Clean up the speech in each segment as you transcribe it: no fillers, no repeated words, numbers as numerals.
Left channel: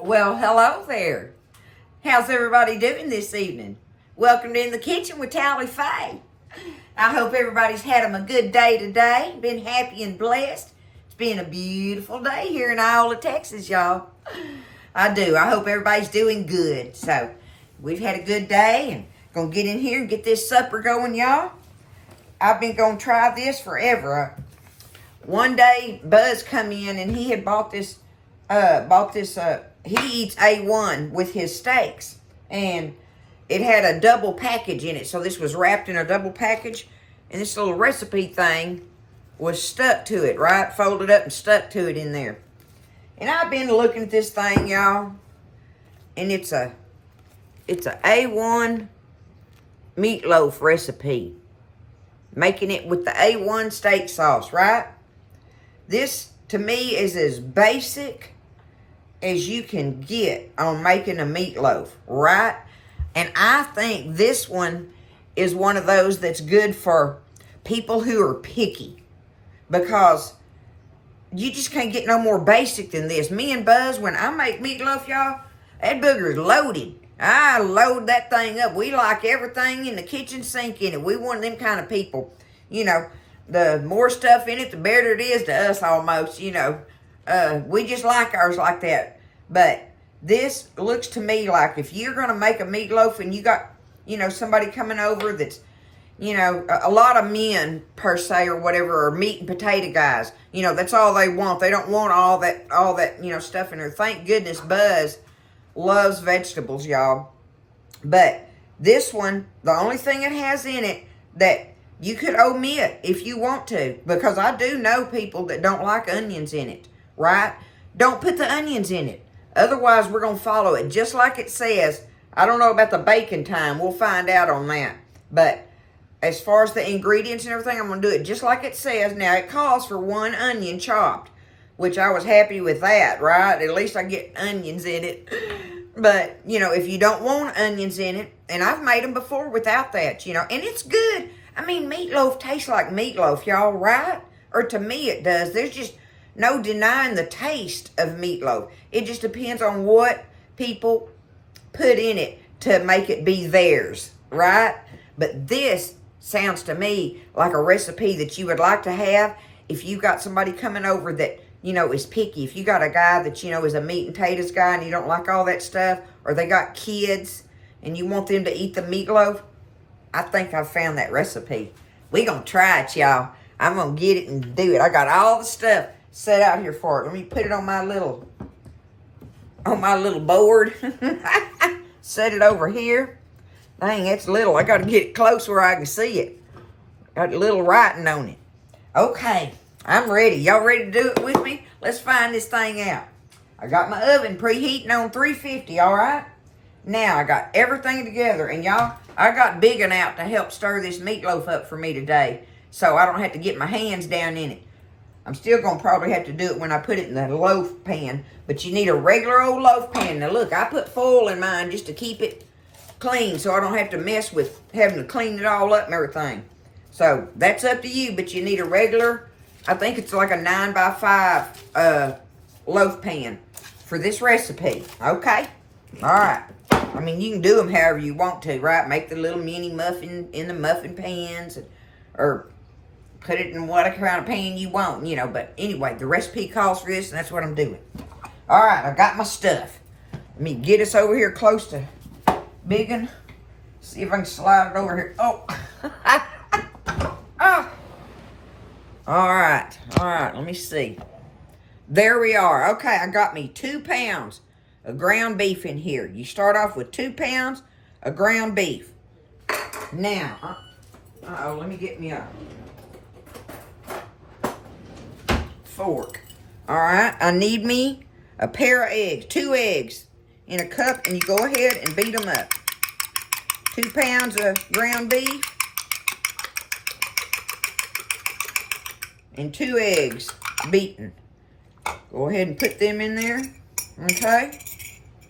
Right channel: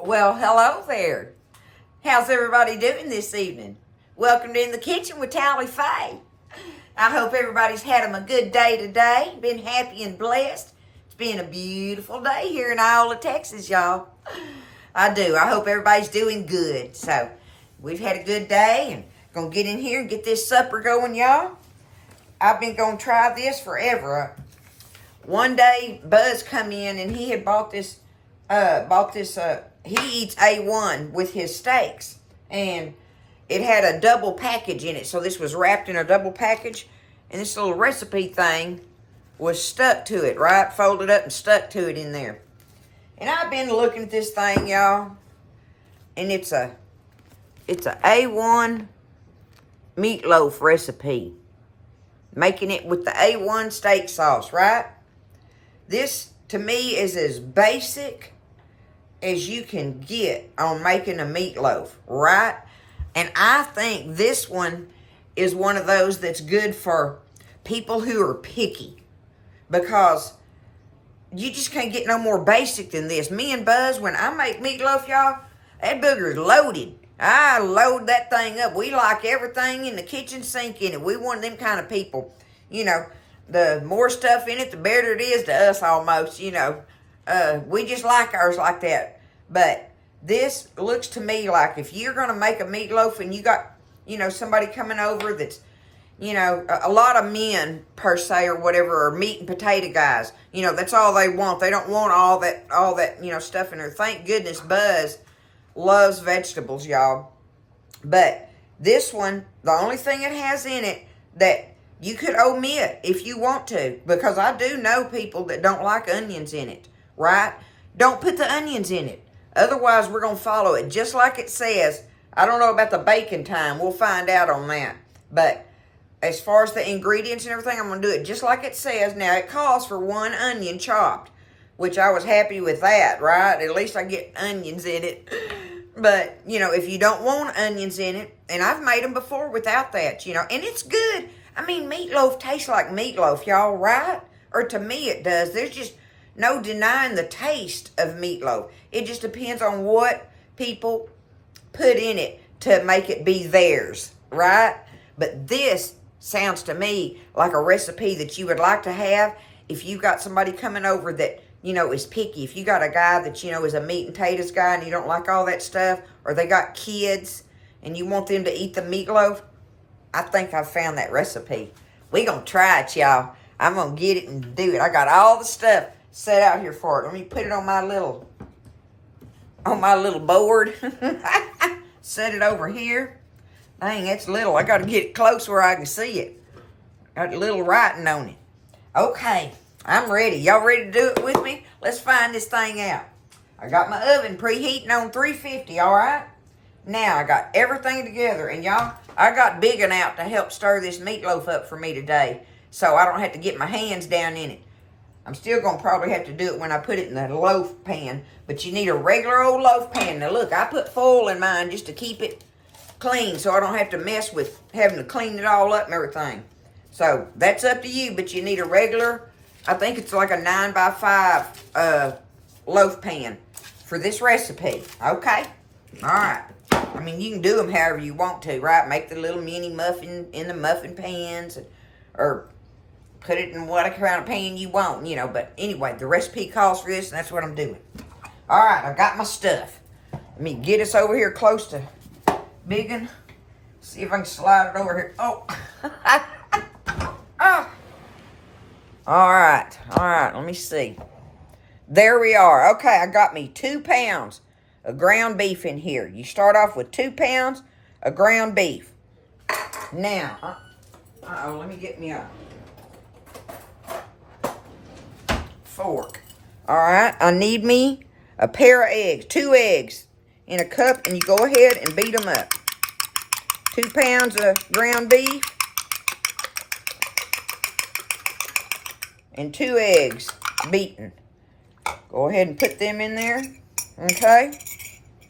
Well, hello there. How's everybody doing this evening? Welcome to In the Kitchen with Tally Faye. I hope everybody's had them a good day today. Been happy and blessed. It's been a beautiful day here in Iola, Texas, y'all. I do. I hope everybody's doing good. So, we've had a good day and gonna get in here and get this supper going, y'all. I've been gonna try this forever. One day, Buzz come in and he had bought this, he eats A-1 with his steaks. And it had a double package in it. So this was wrapped in a double package. And this little recipe thing was stuck to it, right? Folded up and stuck to it in there. And I've been looking at this thing, y'all. And it's a A-1 meatloaf recipe. Making it with the A-1 steak sauce, right? This, to me, is as basic as you can get on making a meatloaf, right? And I think this one is one of those that's good for people who are picky. Because you just can't get no more basic than this. Me and Buzz, when I make meatloaf, y'all, that booger is loaded. I load that thing up. We like everything in the kitchen sink in it. We one of them kind of people. You know, the more stuff in it, the better it is to us almost, you know. We just like ours like that. But this looks to me like if you're going to make a meatloaf and you got, you know, somebody coming over that's, you know, a lot of men per se or whatever are meat and potato guys. You know, that's all they want. They don't want all that, you know, stuff in there. Thank goodness Buzz loves vegetables, y'all. But this one, the only thing it has in it that you could omit if you want to, because I do know people that don't like onions in it, right? Don't put the onions in it. Otherwise, we're going to follow it just like it says. I don't know about the baking time. We'll find out on that. But as far as the ingredients and everything, I'm going to do it just like it says. Now, it calls for 1 onion chopped, which I was happy with that, right? At least I get onions in it. But, you know, if you don't want onions in it, and I've made them before without that, you know, and it's good. I mean, meatloaf tastes like meatloaf, y'all, right? Or to me it does. There's just no denying the taste of meatloaf. It just depends on what people put in it to make it be theirs, right? But this sounds to me like a recipe that you would like to have if you got somebody coming over that, you know, is picky. If you got a guy that, you know, is a meat and potatoes guy and you don't like all that stuff, or they got kids and you want them to eat the meatloaf, I think I've found that recipe. We gonna try it, y'all. I'm gonna get it and do it. I got all the stuff set out here for it. Let me put it on my little board. Set it over here. Dang, it's little. I gotta get it close where I can see it. Got a little writing on it. Okay, I'm ready. Y'all ready to do it with me? Let's find this thing out. I got my oven preheating on 350, all right? Now, I got everything together. And y'all, I got Big 'Un out to help stir this meatloaf up for me today, so I don't have to get my hands down in it. I'm still going to probably have to do it when I put it in the loaf pan, but you need a regular old loaf pan. Now, look, I put foil in mine just to keep it clean, so I don't have to mess with having to clean it all up and everything. So, that's up to you, but you need a regular, I think it's like a 9x5 loaf pan for this recipe, okay? All right. I mean, you can do them however you want to, right? Make the little mini muffin in the muffin pans, or put it in what kind of pan you want, you know. But anyway, the recipe calls for this, and that's what I'm doing. All right, I've got my stuff. Let me get us over here close to Big 'Un. See if I can slide it over here. Oh. Oh. All right, let me see. There we are. Okay, I got me 2 pounds of ground beef in here. You start off with 2 pounds of ground beef. Now, let me get me a fork. All right, I need me a pair of eggs, 2 eggs in a cup, and you go ahead and beat them up. 2 pounds of ground beef and 2 eggs beaten. Go ahead and put them in there, okay?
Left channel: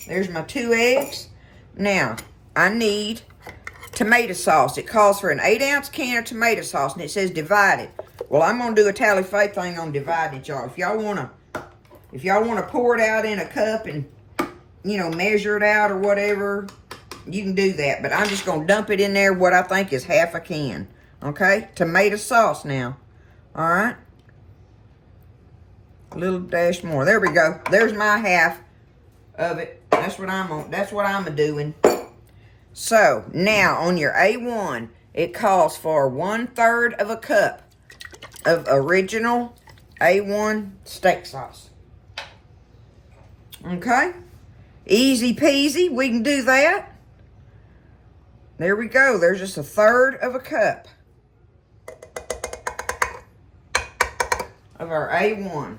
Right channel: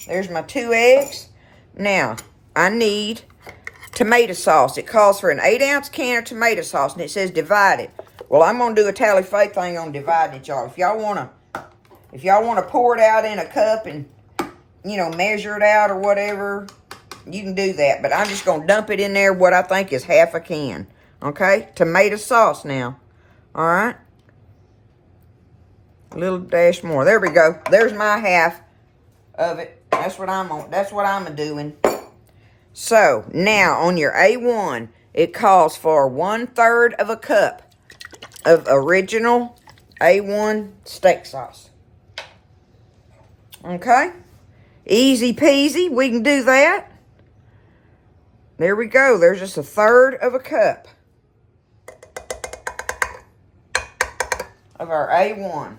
There's my 2 eggs. Now, I need tomato sauce. It calls for an 8-ounce can of tomato sauce, and it says divided. Well, I'm gonna do a Tally Faye thing on divided, y'all. If y'all wanna pour it out in a cup and you know, measure it out or whatever, you can do that. But I'm just going to dump it in there, what I think is half a can. Okay? Tomato sauce now. All right? A little dash more. There we go. There's my half of it. That's what I'm doing. So, now on your A1, it calls for 1/3 of a cup of original A1 steak sauce. Okay? Easy peasy. We can do that. There we go. There's just 1/3 of a cup of our A1.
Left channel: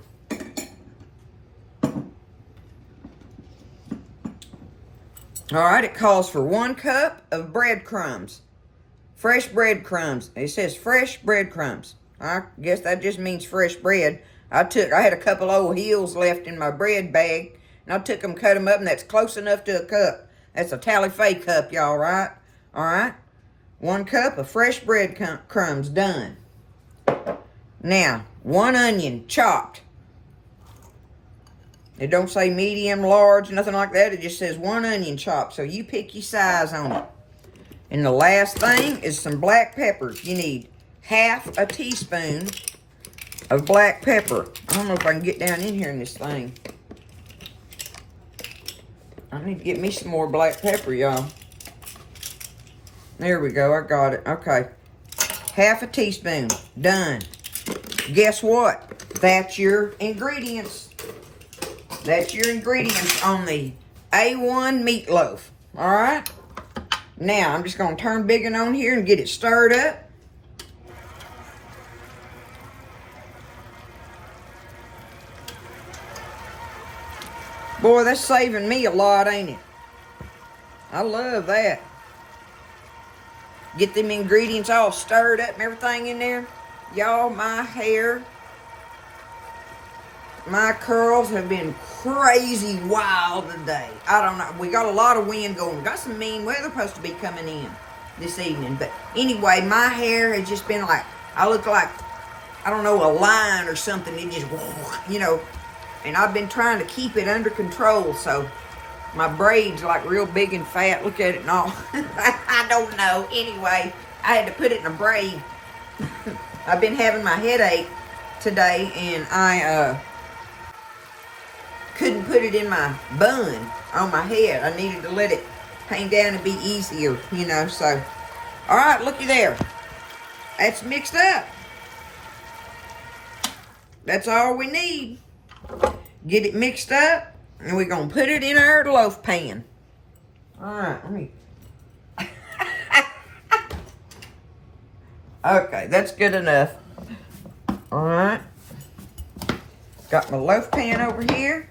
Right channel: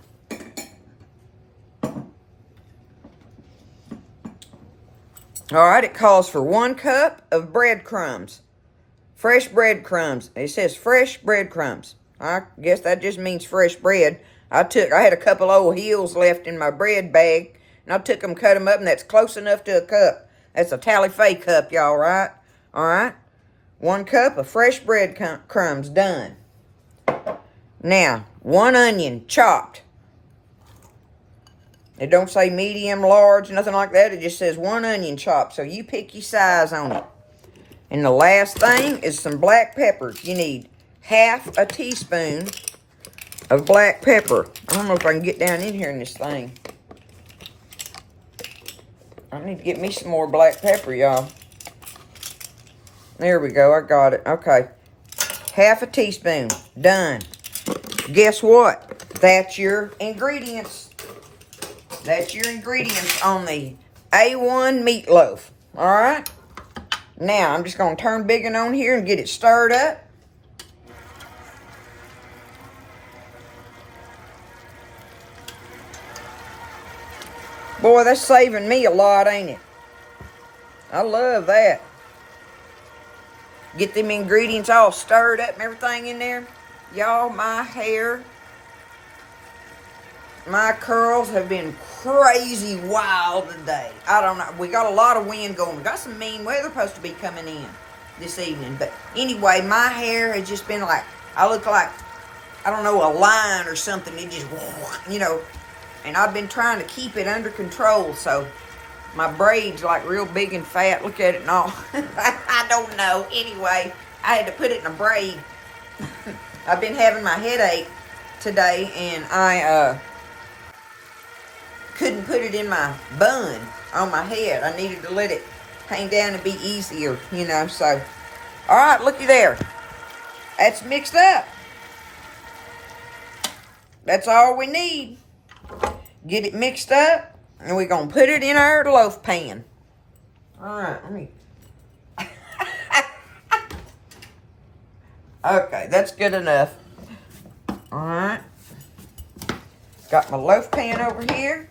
All right, it calls for 1 cup of breadcrumbs. Fresh breadcrumbs. It says fresh breadcrumbs. I guess that just means fresh bread. I had a couple old hills left in my bread bag, and I took them, cut them up, and that's close enough to a cup. That's a tally-fay cup, y'all, right? All right? 1 cup of fresh breadcrumbs done. Now, 1 onion chopped. It don't say medium, large, nothing like that. It just says 1 onion chopped. So you pick your size on it. And the last thing is some black peppers. You need 1/2 a teaspoon of black pepper. I don't know if I can get down in here in this thing. I need to get me some more black pepper, y'all. There we go. I got it. Okay. 1/2 a teaspoon. Done. Guess what? That's your ingredients. That's your ingredients on the A1 meatloaf. All right? Now, I'm just going to turn big on here and get it stirred up. Boy, that's saving me a lot, ain't it? I love that. Get them ingredients all stirred up and everything in there. Y'all, my hair, my curls have been crazy wild today. I don't know. We got a lot of wind going. We got some mean weather supposed to be coming in this evening. But anyway, my hair has just been like, I look like, I don't know, a lion or something. It just, you know, and I've been trying to keep it under control. So my braids like real big and fat. Look at it and all. I don't know. Anyway, I had to put it in a braid. I've been having my headache today, and I couldn't put it in my bun on my head. I needed to let it hang down and be easier, you know. So, all right, looky there. That's mixed up. That's all we need. Get it mixed up, and we're going to put it in our loaf pan. All right, let me... Okay, that's good enough. All right. Got my loaf pan over here.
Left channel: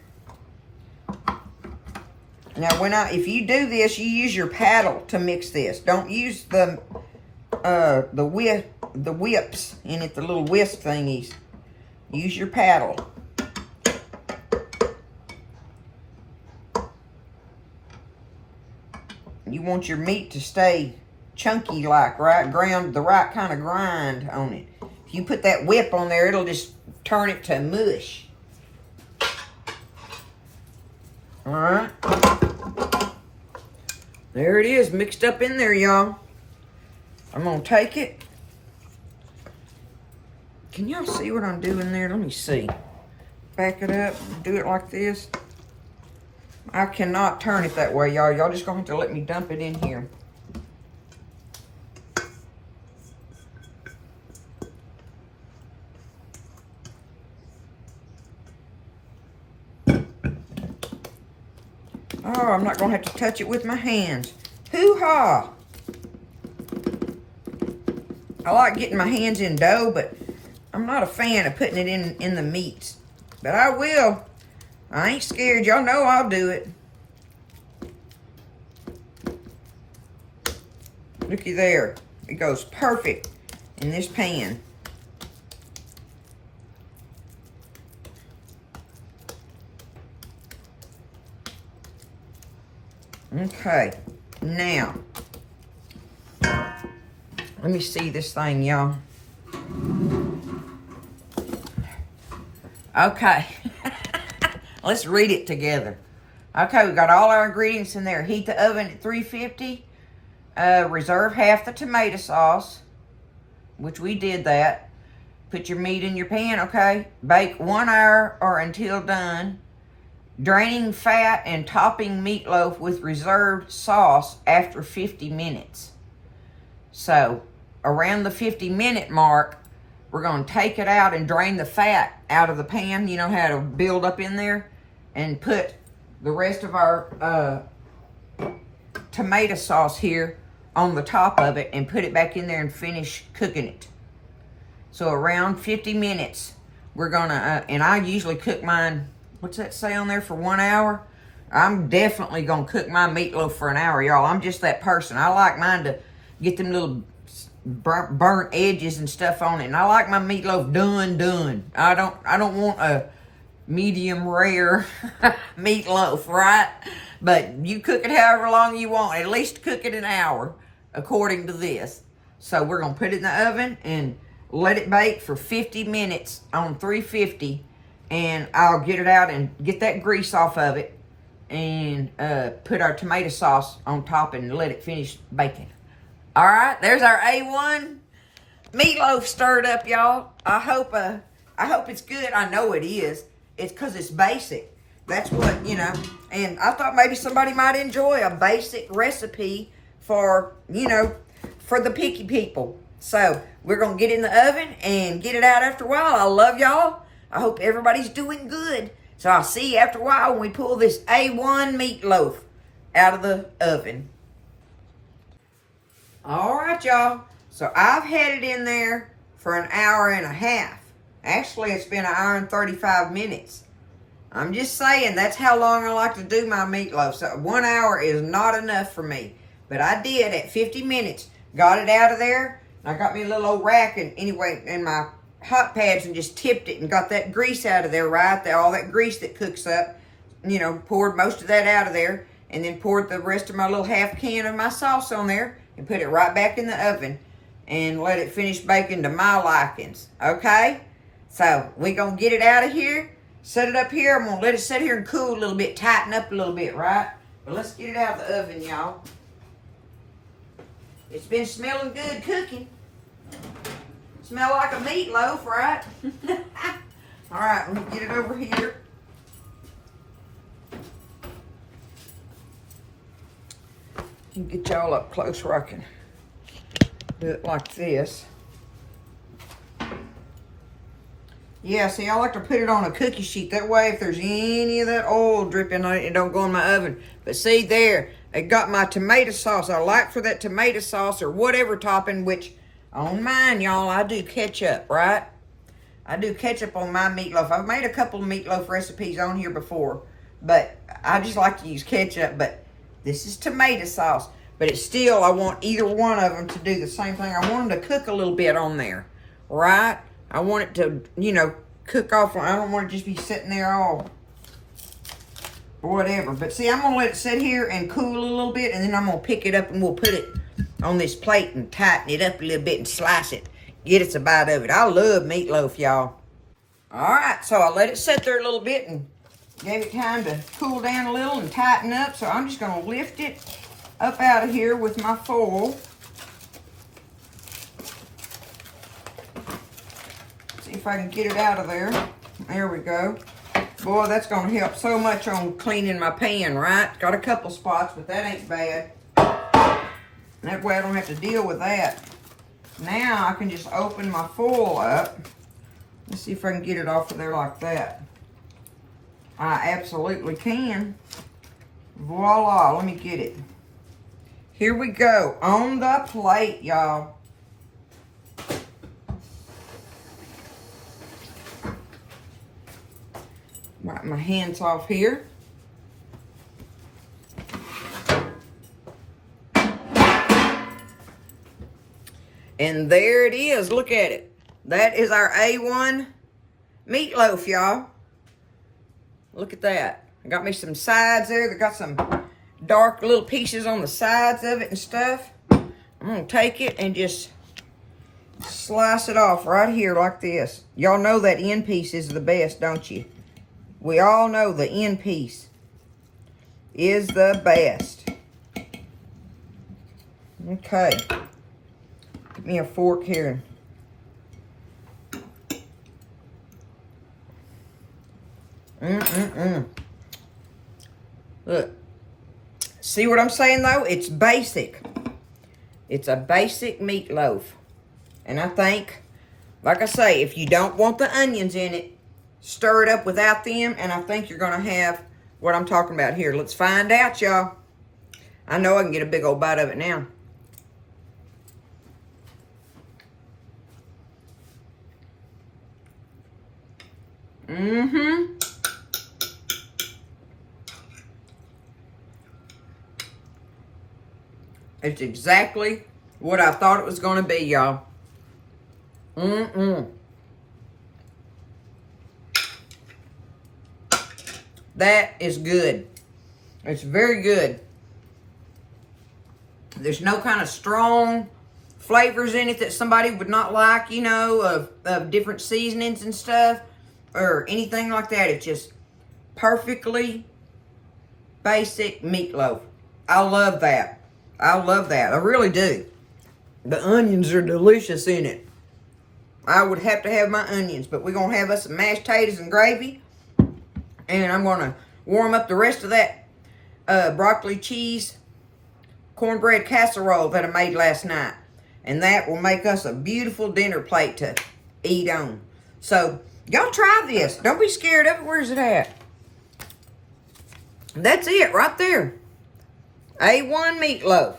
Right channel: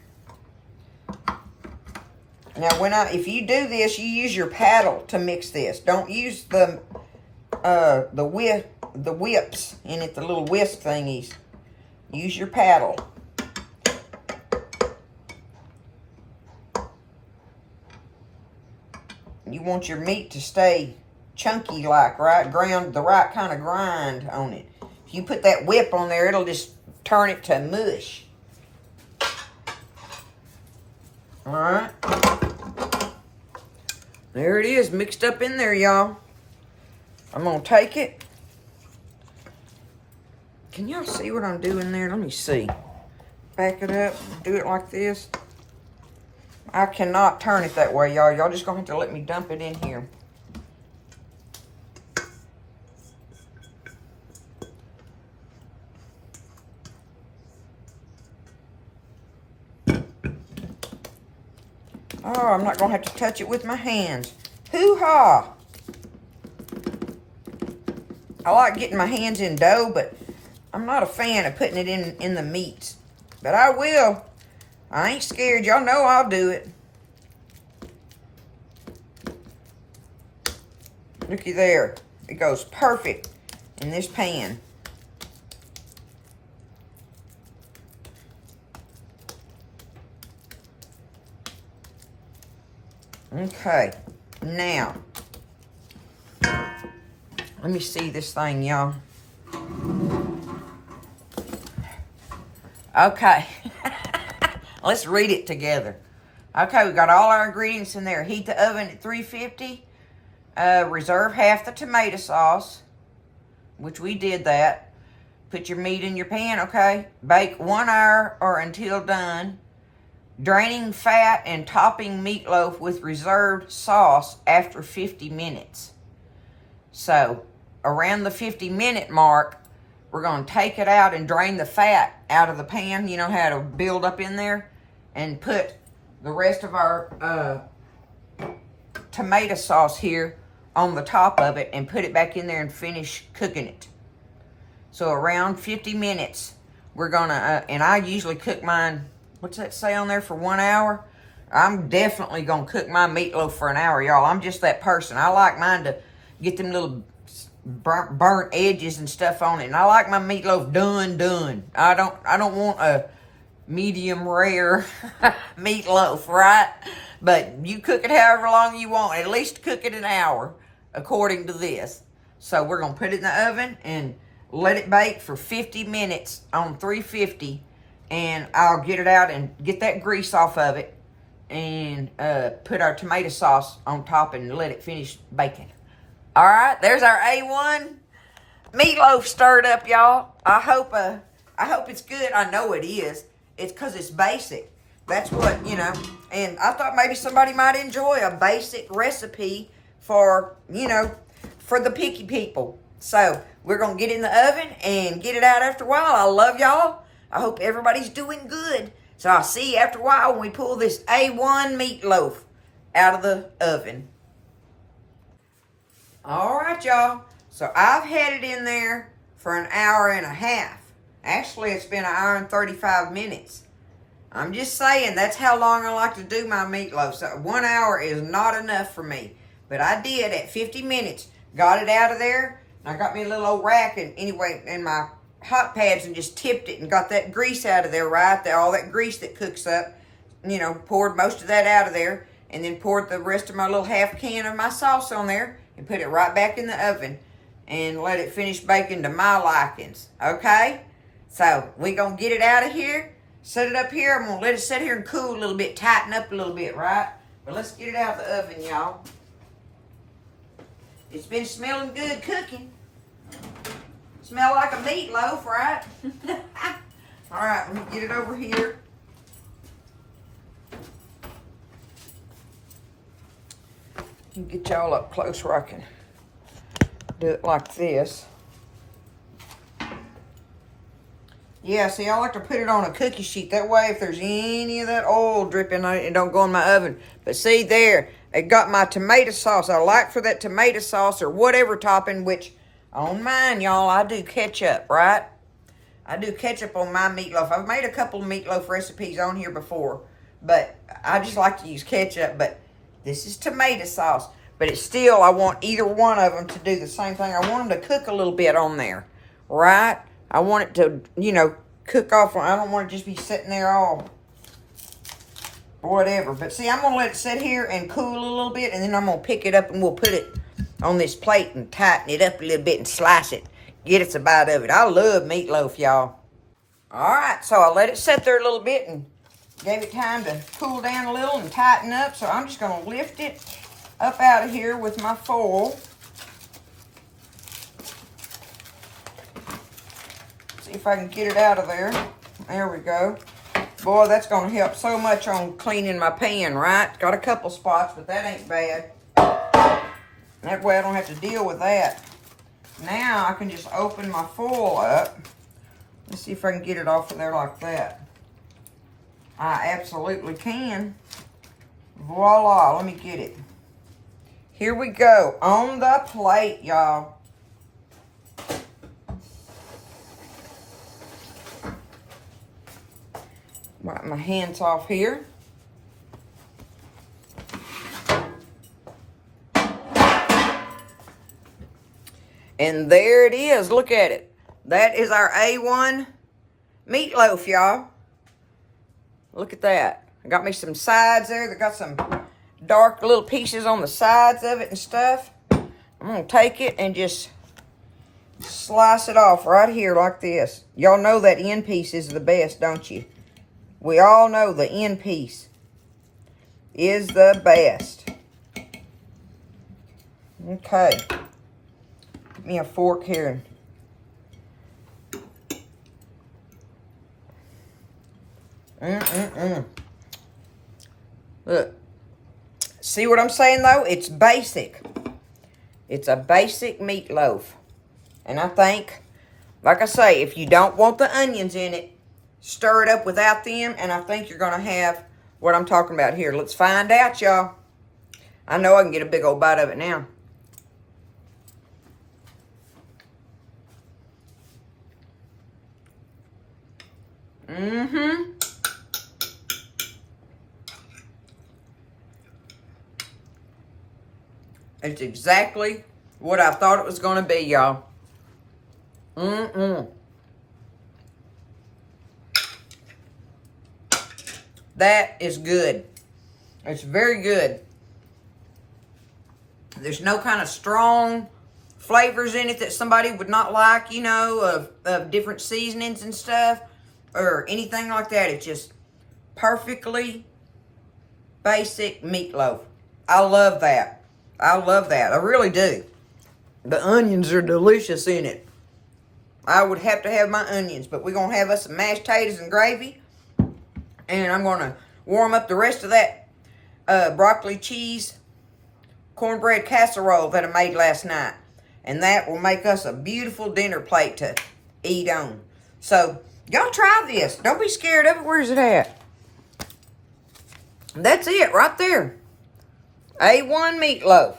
Now, if you do this, you use your paddle to mix this. Don't use the whips in it, the little whisk thingies. Use your paddle. You want your meat to stay chunky like, right? The right kind of grind on it. If you put that whip on there, it'll just turn it to mush. All right. There it is, mixed up in there, y'all. I'm going to take it. Can y'all see what I'm doing there? Let me see. Back it up, do it like this. I cannot turn it that way, y'all. Y'all just going to have to let me dump it in here. Oh, I'm not going to have to touch it with my hands. Hoo-ha! I like getting my hands in dough, but I'm not a fan of putting it in the meats. But I will. I ain't scared. Y'all know I'll do it. Looky there. It goes perfect in this pan. Okay, now, let me see this thing, y'all. Okay, let's read it together. Okay, we got all our ingredients in there. Heat the oven at 350. Reserve half the tomato sauce, which we did that. Put your meat in your pan, okay? Bake 1 hour or until done. Draining fat and topping meatloaf with reserved sauce after 50 minutes. So, around the 50-minute mark, we're going to take it out and drain the fat out of the pan. You know how to build up in there? And put the rest of our tomato sauce here on the top of it and put it back in there and finish cooking it. So around 50 minutes, we're gonna, and I usually cook mine, what's that say on there, for 1 hour? I'm definitely gonna cook my meatloaf for an hour, y'all. I'm just that person. I like mine to get them little burnt edges and stuff on it. And I like my meatloaf done. I don't want a medium rare meatloaf, right? But you cook it however long you want. At least cook it an hour, according to this. So we're going to put it in the oven and let it bake for 50 minutes on 350. And I'll get it out and get that grease off of it. And put our tomato sauce on top and let it finish baking. All right, there's our A-1 meatloaf stirred up, y'all. I hope it's good. I know it is. It's because it's basic. That's what, you know. And I thought maybe somebody might enjoy a basic recipe for, you know, for the picky people. So we're going to get in the oven and get it out after a while. I love y'all. I hope everybody's doing good. So I'll see you after a while when we pull this A-1 meatloaf out of the oven. All right, y'all. So I've had it in there for an hour and a half. Actually, it's been an hour and 35 minutes. I'm just saying, that's how long I like to do my meatloaf. So 1 hour is not enough for me. But I did at 50 minutes. Got it out of there. I got me a little old rack and my hot pads and just tipped it and got that grease out of there, right? All that grease that cooks up. You know, poured most of that out of there. And then poured the rest of my little half can of my sauce on there. And put it right back in the oven. And let it finish baking to my likings. Okay? So, we're going to get it out of here. Set it up here. I'm going to let it sit here and cool a little bit. Tighten up a little bit, right? But let's get it out of the oven, y'all. It's been smelling good cooking. Smell like a meatloaf, right? All right, let me get it over here. Get y'all up close where I can do it like this. Yeah, see, I like to put it on a cookie sheet. That way, if there's any of that oil dripping on it, it don't go in my oven. But see there, it got my tomato sauce. I like for that tomato sauce or whatever topping, which on mine, y'all, I do ketchup, right? I do ketchup on my meatloaf. I've made a couple of meatloaf recipes on here before, but I just like to use ketchup. But this is tomato sauce. But it's still, I want either one of them to do the same thing. I want them to cook a little bit on there, right? I want it to, you know, cook off. I don't want it to just be sitting there all whatever. But see, I'm going to let it sit here and cool a little bit. And then I'm going to pick it up and we'll put it on this plate and tighten it up a little bit and slice it. Get us a bite of it. I love meatloaf, y'all. All right, so I let it sit there a little bit and gave it time to cool down a little and tighten up. So I'm just going to lift it up out of here with my foil. See if I can get it out of there. There we go. Boy, that's going to help so much on cleaning my pan, right? Got a couple spots, but that ain't bad. That way I don't have to deal with that. Now I can just open my foil up. Let's see if I can get it off of there like that. I absolutely can. Voila, let me get it. Here we go, on the plate, y'all. Wipe my hands off here. And there it is, look at it. That is our A-1 meatloaf, y'all. Look at that. I got me some sides there. They got some dark little pieces on the sides of it and stuff. I'm going to take it and just slice it off right here like this. Y'all know that end piece is the best, don't you? We all know the end piece is the best. Okay. Give me a fork here. Look. See what I'm saying, though? It's basic. It's a basic meatloaf. And I think, like I say, if you don't want the onions in it, stir it up without them, and I think you're going to have what I'm talking about here. Let's find out, y'all. I know I can get a big old bite of it now. It's exactly what I thought it was going to be, y'all. That is good. It's very good. There's no kind of strong flavors in it that somebody would not like, you know, of different seasonings and stuff or anything like that. It's just perfectly basic meatloaf. I love that. I love that. I really do. The onions are delicious in it. I would have to have my onions, but we're going to have us some mashed potatoes and gravy. And I'm going to warm up the rest of that broccoli cheese cornbread casserole that I made last night. And that will make us a beautiful dinner plate to eat on. So, y'all try this. Don't be scared of it. Where's it at? That's it right there. A-1 meatloaf.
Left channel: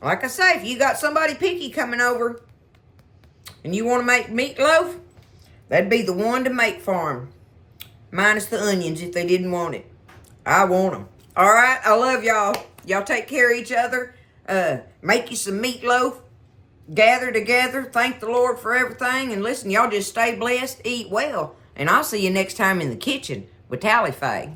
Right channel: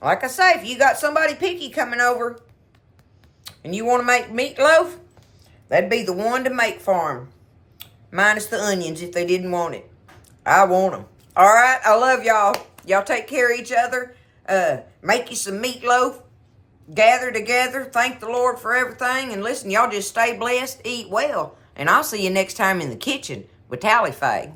Like I say, if you got somebody picky coming over and you want to make meatloaf, that'd be the one to make for them. Minus the onions if they didn't want it. I want them. All right, I love y'all. Y'all take care of each other. Make you some meatloaf. Gather together. Thank the Lord for everything. And listen, y'all just stay blessed, eat well. And I'll see you next time in the kitchen with Tally Faye.